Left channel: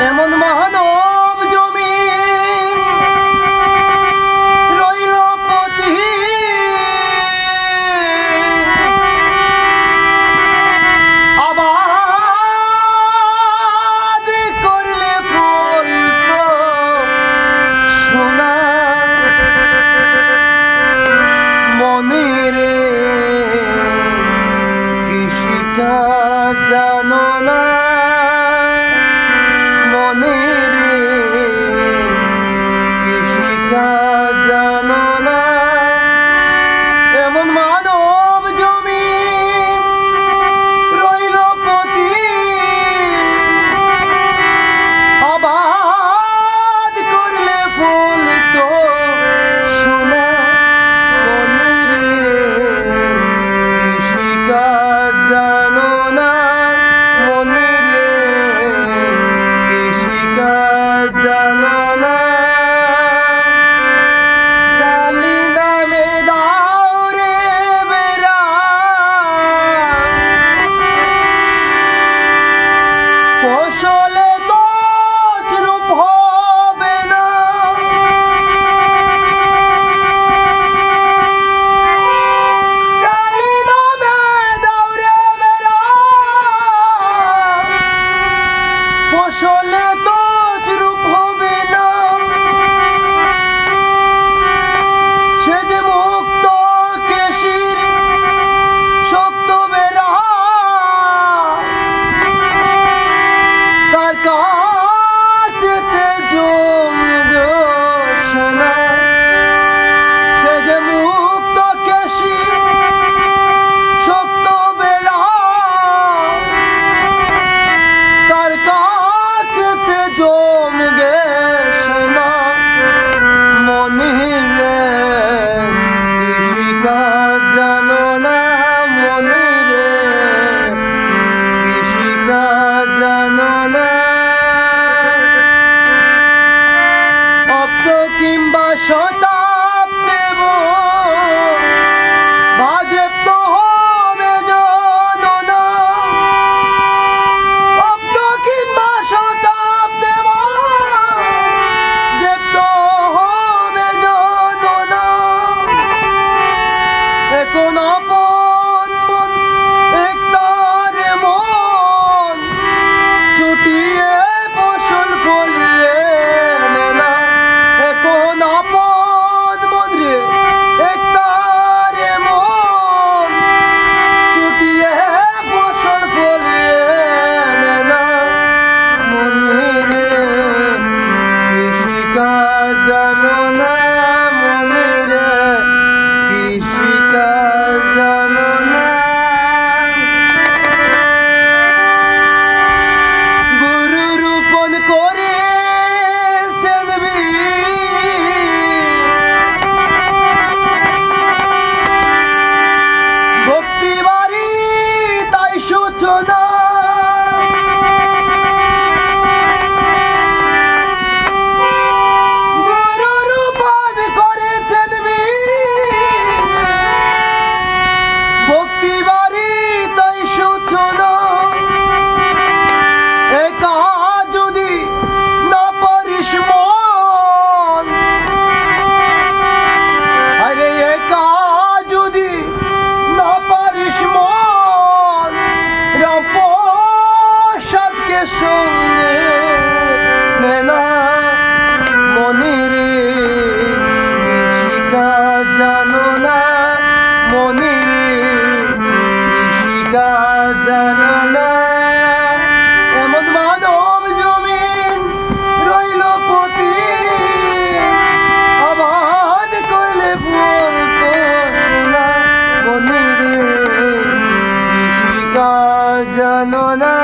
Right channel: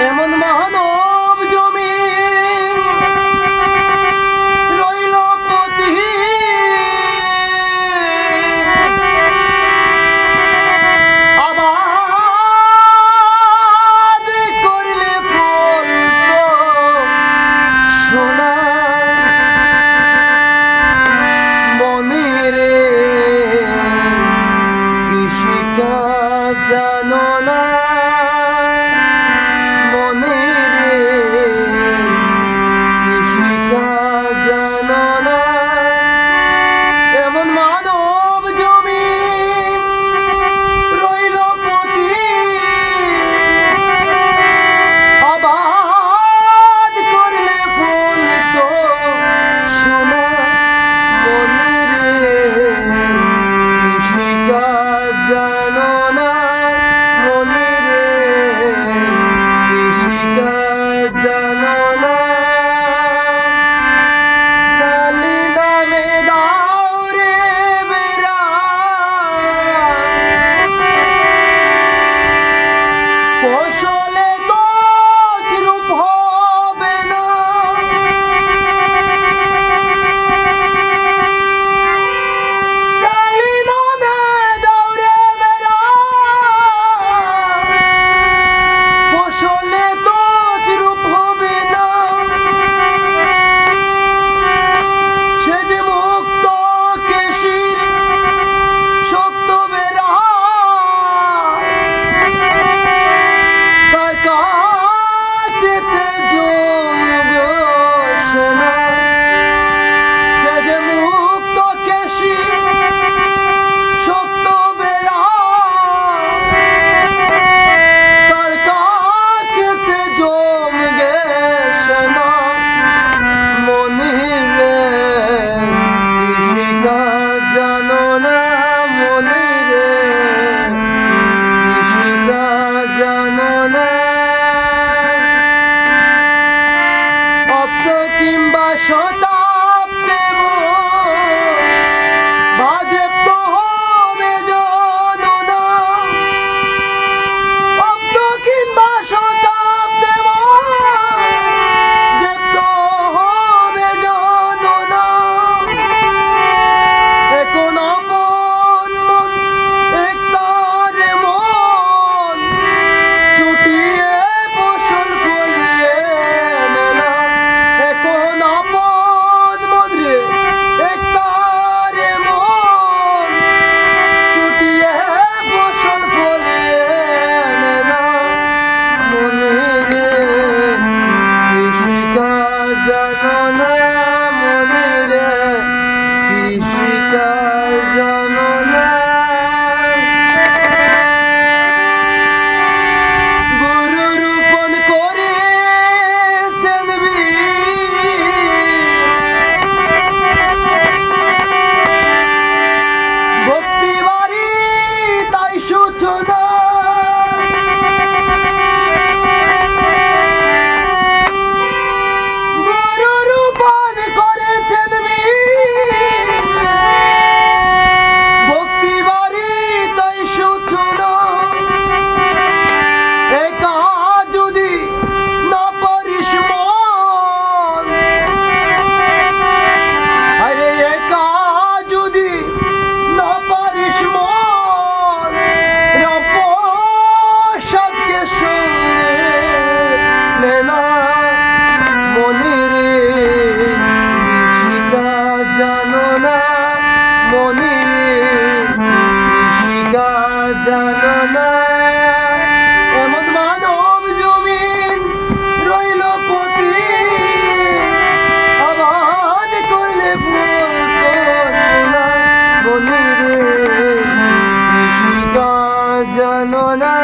এমন মানব জমিন রইল পতি আবাদ করলে ফুল তো সোনা মনে রে কৃষিকাজ জানো না মনে রে কৃষিকাজ জানো না এমন মানব জমিন রইল পতি আবাদ করলে ফুল তো সোনা মনে রে কৃষিকাজ জানো না মনে রে কৃষিকাজ জানো না কালি নামে দাও রে বেড়া ফসলে তো রূপ হবে না কালি নামে দাও রে বেড়া ফসলে তো রূপ হবে না সে যে মুক্ত কেশির শক্ত বেড়া তার কাছেতে জমগোস না সে যে মুক্ত কেশি শক্ত বেড়া তার কাছেতে জমগেস না মনে রে কৃষিকাজ জানো না মনে রে কৃষিকাজ জানো না অব্দ কিংবা শতাব্দেব বাজেব তো হবে জানো না অব্দ কিংবা শতাব্দেব জেব তো হবে জানো না এখন আপন মন একতারে মন ছুটিয়ে ফসল ফলিয়ে নে না এখন আপন মন রে একতারে মন ছুটিয়ে ফসল ফলিয়ে নে না মনে রে কৃষিকাজ জানো না মনে রে কৃষিকাজ জানো না গুরু রূপন করে চেনবি ভক্তি বাড়ি তাই সূচনা গুরু রূপন করে চেনবি ভক্তি বাড়ি তাই সূচনা একা যদি না পারিস মন আরে একা যদি না পারিস মন রামপ্রসাদকে সঙ্গে নে না মনে রে কৃষিকাজ জানো না মনে রে কৃষিকাজ জানো না এমন মানব জমিন রইল পতি আবাদ করলে ফুল তো সোনা মনে রে কৃষিকাজ জানো না।